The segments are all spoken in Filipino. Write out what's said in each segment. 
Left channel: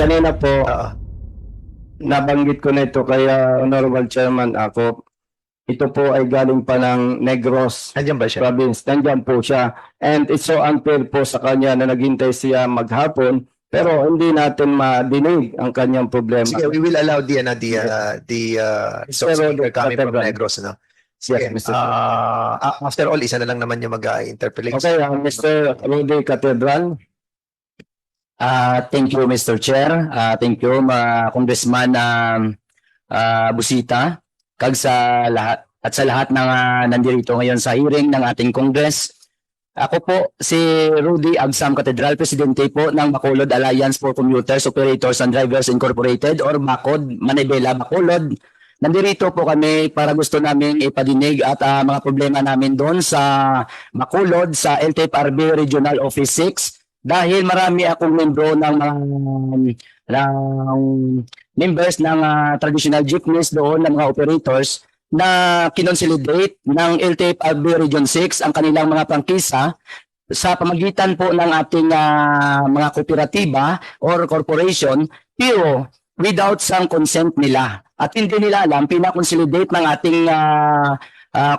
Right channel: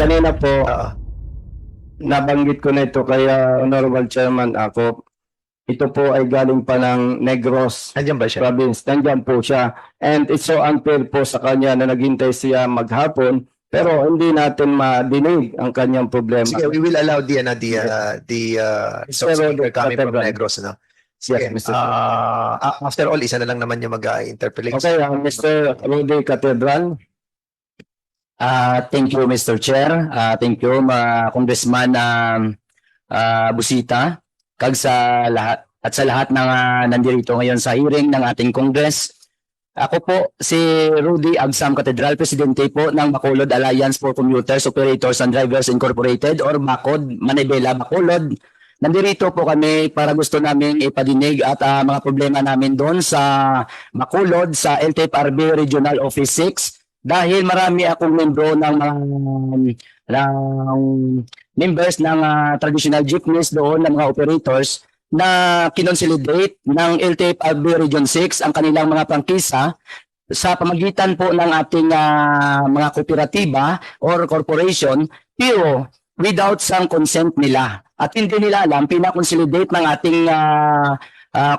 kanina po, Oo. nabanggit ko na ito kaya Honorable Chairman ako. Ito po ay galing pa ng Negros Andiyan ba siya? Province. Nandiyan po siya. And it's so unfair po sa kanya na naghintay siya maghapon pero hindi natin madinig ang kanyang problema. Sige, we will allow the speaker coming from Cathedral. Negros, no? Sige, Yes, Mr. Chair. after all, isa na lang naman yung mag-interpolate. Okay, Mr. Rudy Cathedral. Thank you, Mr. Chair. Thank you, Congressman Busita. Kag sa lahat at sa lahat ng nandito ngayon sa hearing ng ating Congress. Ako po si Rudy Agsam Cathedral, Presidente po ng Bacolod Alliance for Commuters, Operators and Drivers Incorporated or BACOD, Manibela, Bacolod. Nandito po kami para gusto namin ipadinig at mga problema namin doon sa Bacolod, sa LTFRB Regional Office 6 dahil marami akong membro ng mga members ng traditional jeepneys doon ng mga operators na kinonsolidate ng LTFRB Region 6 ang kanilang mga prangkisa sa pamagitan po ng ating mga kooperatiba or corporation pero without some consent nila. At hindi nila alam, pinakonsolidate ng ating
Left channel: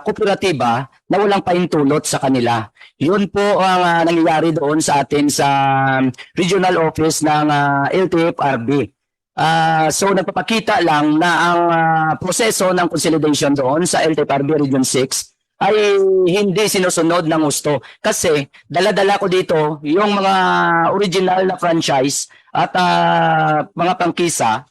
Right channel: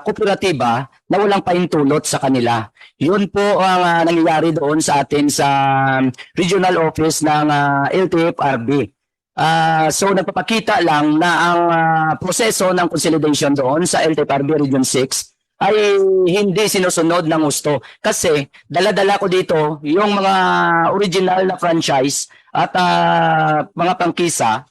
kooperatiba na walang pahintulot sa kanila. Yun po ang nangyayari doon sa atin sa regional office ng LTFRB. So nagpapakita lang na ang proseso ng consolidation doon sa LTFRB Region 6 ay hindi sinusunod ng gusto. Kasi dala-dala ko dito yung mga original na franchise at mga prangkisa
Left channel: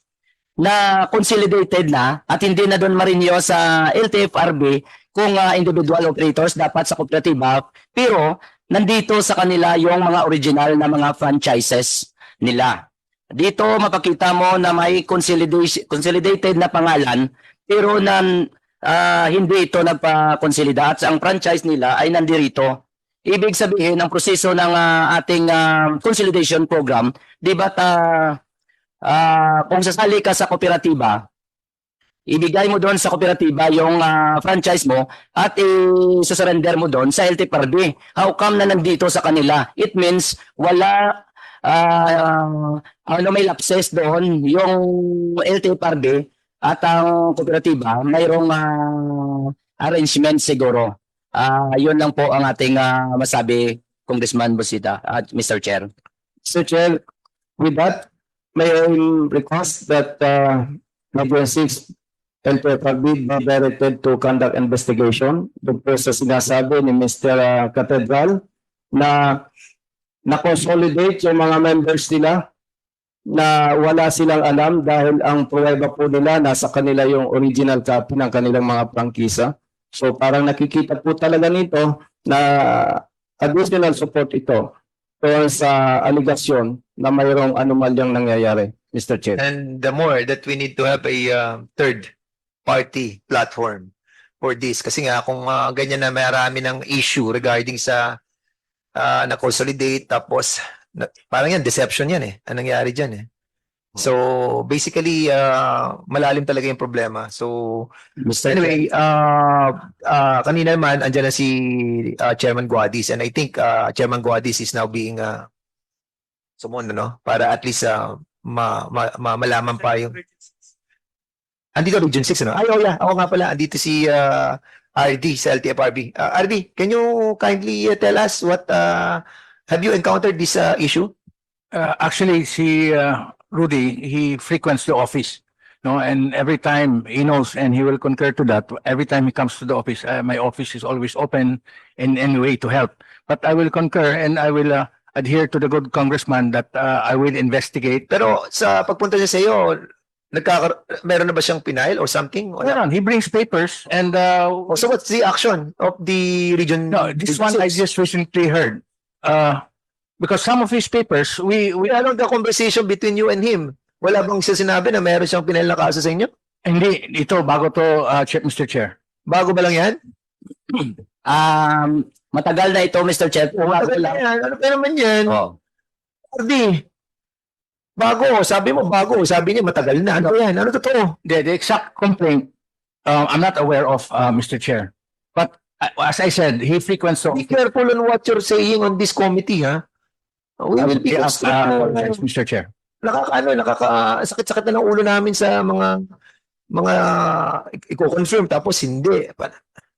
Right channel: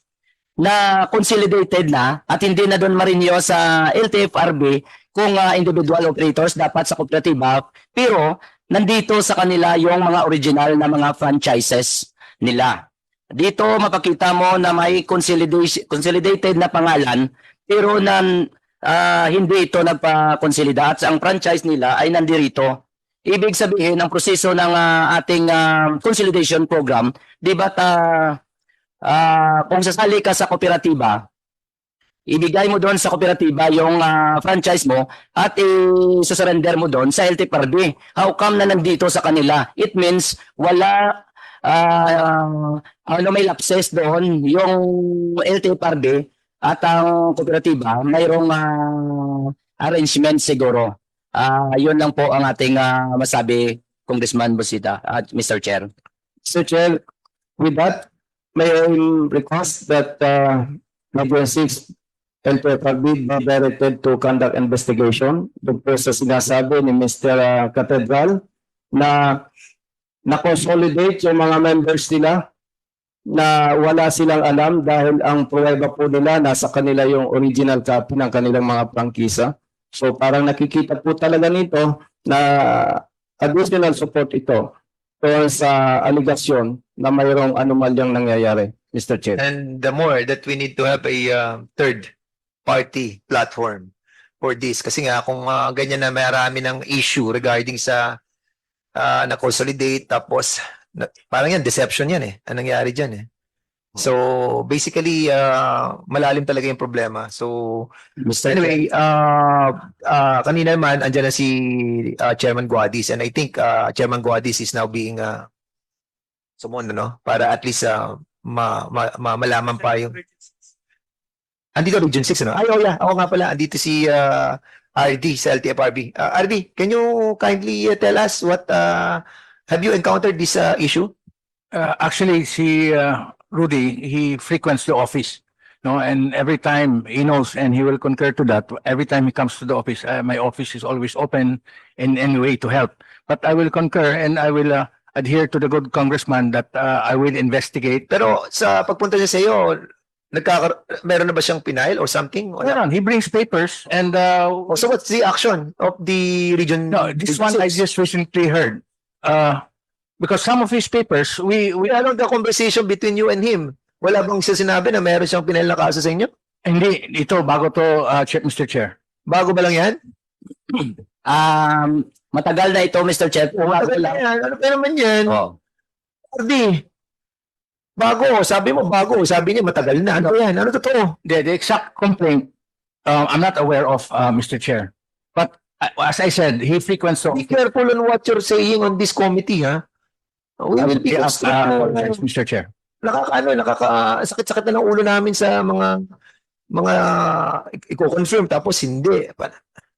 na consolidated na at hindi na doon marinyo sa LTFRB kung individual operators dapat sa kooperatiba pero nandito sa kanila yung mga original na mga franchises nila. Dito mapakita mo na may consolidated na pangalan pero hindi ito nagpa-consolida at ang franchise nila ay nandirito. Ibig sabihin ang proseso ng ating consolidation program, di ba kung sasali ka sa kooperatiba, ibigay mo doon sa kooperatiba yung franchise mo at i-surrender mo doon sa LTFRB. How come na nandito sa kanila? It means wala may lapses doon yung LTFRB at ang kooperatiba mayroong arrangement siguro. Yun lang po ang ating masabi, Congressman Busita at Mr. Chair. Mr. Chair, may I request that Level 6 LTFRB be directed to conduct investigation doon po sa sinasabi ni Mr. Cathedral na na-consolidate yung mga members nila na wala silang alam dahil ang pruweba po nila nasa kanila yung original copy ng kanilang mga prangkisa. So parang nakikita po talaga nito na additional support ito sa aligasyon na mayroong anomalyang nangyayari, Mr. Chair. And the more that we need to have a third party platform for this. Kasi nga kung ganyan na marami ng issue regarding sa na-consolidate tapos parang yan, deception yan eh. Anong nangyari dyan eh. So, basically, malalim talaga yung problema. So, anyway, kanina naman, andyan na si Chairman Guadis and I think Chairman Guadis is now being summoned, no? Para at least malaman pa yung... Andito Region 6, ano? Ay, oh yeah. Ako nga pala, andito si RD sa LTFRB. RD, can you kindly tell us what... have you encountered this issue? Actually, Rudy, he frequents the office, no, and every time he knows, and he will concur to that. Every time he comes to the office, my office is always open in any way to help. But I will concur, and I will adhere to the good congressman that I will investigate. Pero sa pagpunta niya sa iyo, meron na ba siyang pinail or something? Yeah, he brings papers, and So what's the action of the region? no, this one I just recently heard. Because some of his papers, we Ano the conversation between you and him? Wala bang siya sinabi na meron siyang pinail na kaso sa inyo? hindi ito bago to, Mr. Chair. Bago ba lang yan? Matagal na ito, Mr. Chair. Ano ba yan? Ano pa naman yan? Oh. Ardi, bago. Sabi mo bago. Sabi niya matagal na. Ano yan? Ano totoo? The exact complaint, I'm not aware of, Mr. Chair. As I said, he frequents. Be careful on what you're saying on this committee, ha? We will be Mr. Chair. sakit-sakit na ng ulo namin sa mga i-confirm tapos hindi.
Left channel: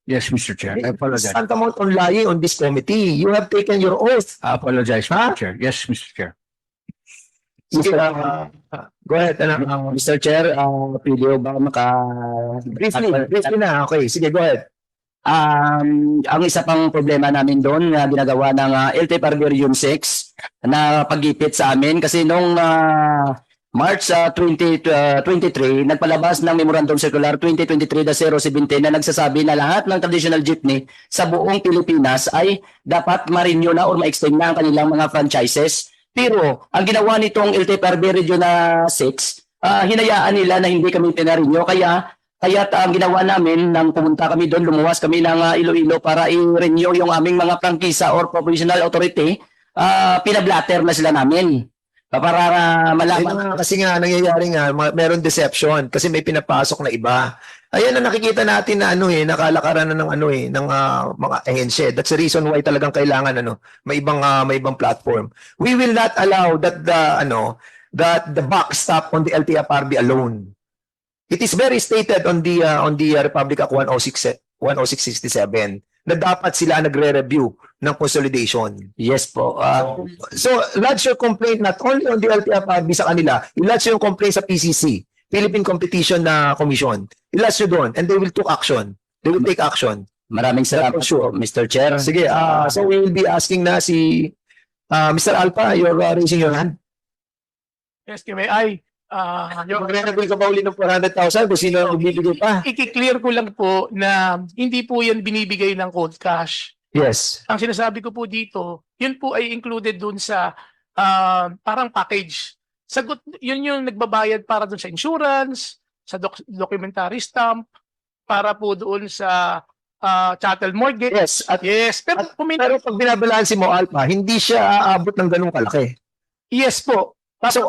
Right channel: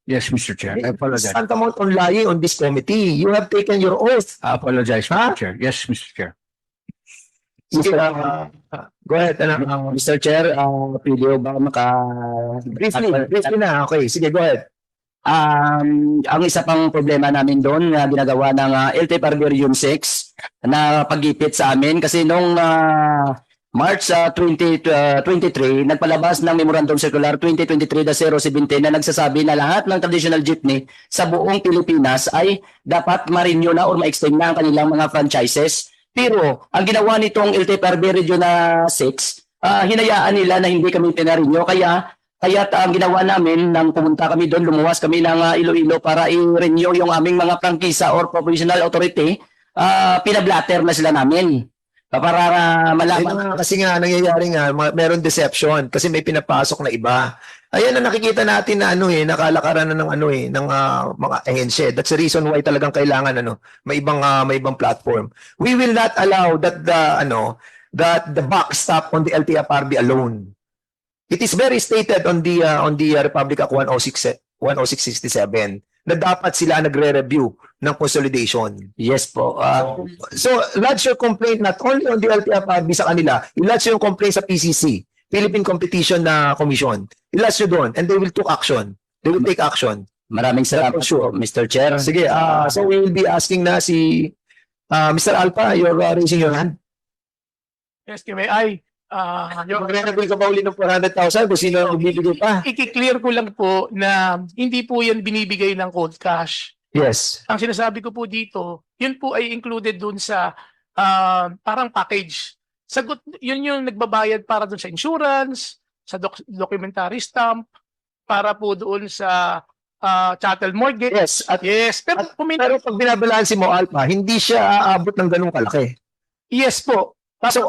Yes, Mr. Chair. I apologize. Tantamount on lying on this committee. You have taken your oath. I apologize, Mr. Chair. Yes, Mr. Chair. Go ahead. Mr. Chair, pwede ba brief? Ang isa pang problema namin doon, yung ginagawa ng LTIP Arborium 6, pag-ipit sa amin, kasi noong March 2023, may palabas ng Memorandum Circular 2023-017 na nagsasabi na lahat ng traditional jeepney sa buong Pilipinas ay dapat ma-renew na o ma-extend na ang kanilang mga franchises. Pero ang ginawa nitong LTIP Arborium na 6, hinayaan nila na hindi kami pinarenew, kaya ang ginawa namin nang pumunta kami doon, lumuwas kami ng Iloilo para i-renew yung aming mga prangkisa or provisional authority, pinablatter na sila namin. Para malaman. Kasi nga, nangyayari nga, meron deception kasi may pinapasok na iba. Ayan na nakikita natin na nakalakaran na ng mga ahensya. That's the reason why talagang kailangan may ibang platform. We will not allow that the buck stop on the LTFRB alone. It is very stated on the Republic Act 10667 na dapat sila nagre-review ng consolidation. Yes po. So, lodge your complaint not only on the LTFRB sa kanila, i-lodge yung complaint sa PCC, Philippine Competition Commission. I-lodge nyo doon and they will take action. They will take action. Maraming salamat Sure. po, Mr. Chair. Sige, so we will be asking na si Mr. Alpa, you're raising your hand. Yes, may Magre-reveal ka ba ulit ng 400,000 kung sino ang bibigay pa? i-clear ko lang po na hindi po yan binibigay ng cold cash. Yes. Ang sinasabi ko po dito, yun po ay included dun sa parang package. Sagot, yun yung nagbabayad para dun sa insurance, sa documentary stamp, para po doon sa yes. Yes po. Kasi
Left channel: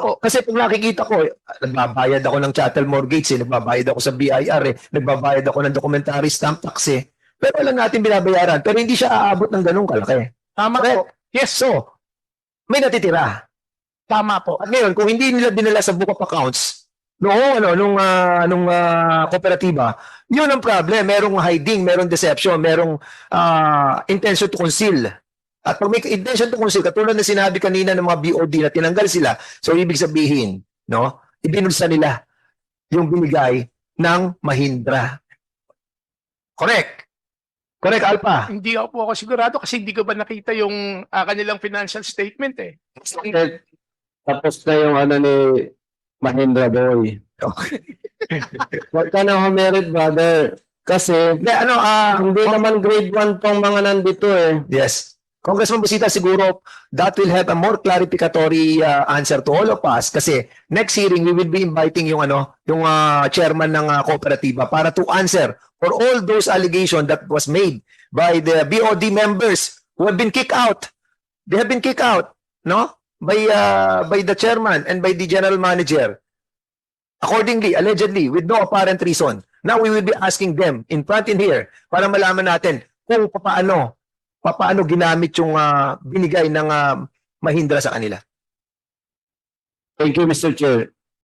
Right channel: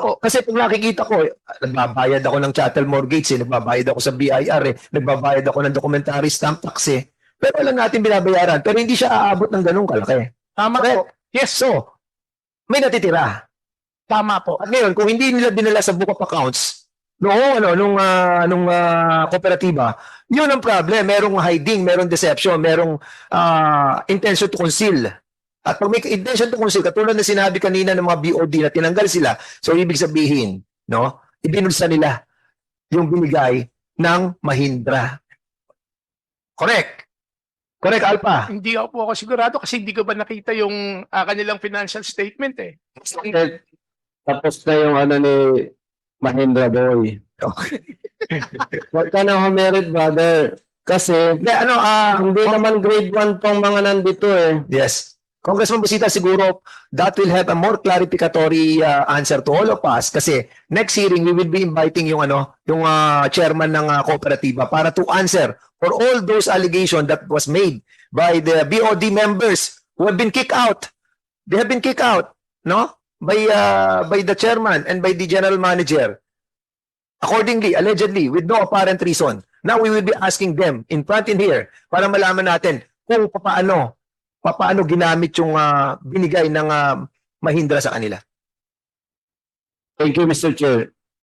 kung nakikita ko, nagbabayad ako ng chattel mortgage, nagbabayad ako sa BIR, nagbabayad ako ng documentary stamp tax. Pero alam natin binabayaran, pero hindi siya aabot ng ganung kalaki. Tama po. Yes, so, may natitira. Tama po. At ngayon, kung hindi nila dinala sa book of accounts, nung kooperatiba, yun ang problem. Merong hiding, merong deception, merong intention to conceal. At pag may intention to conceal, katulad na sinabi kanina ng mga BOD na tinanggal sila, so ibig sabihin, ibinulsa nila yung binigay ng Mahindra. Correct. Correct, Alpa. Hindi po ako sigurado kasi hindi ko ba nakita yung kanilang financial statement eh. Tapos na yung ni Mahindra Boy. Huwag ka na humerit, brother. Kasi, hindi naman grade 1 tong mga nandito eh. Yes. Congressman Busita, siguro that will have a more clarificatory answer to all of us kasi next hearing we will be inviting yung chairman ng kooperatiba para to answer for all those allegations that was made by the BOD members who have been kicked out. They have been kicked out, by the chairman and by the general manager. Accordingly, allegedly, with no apparent reason. Now we will be asking them in front in here para malaman natin kung paano ginamit yung binigay ng Mahindra sa kanila. Thank you, Mr. Chair.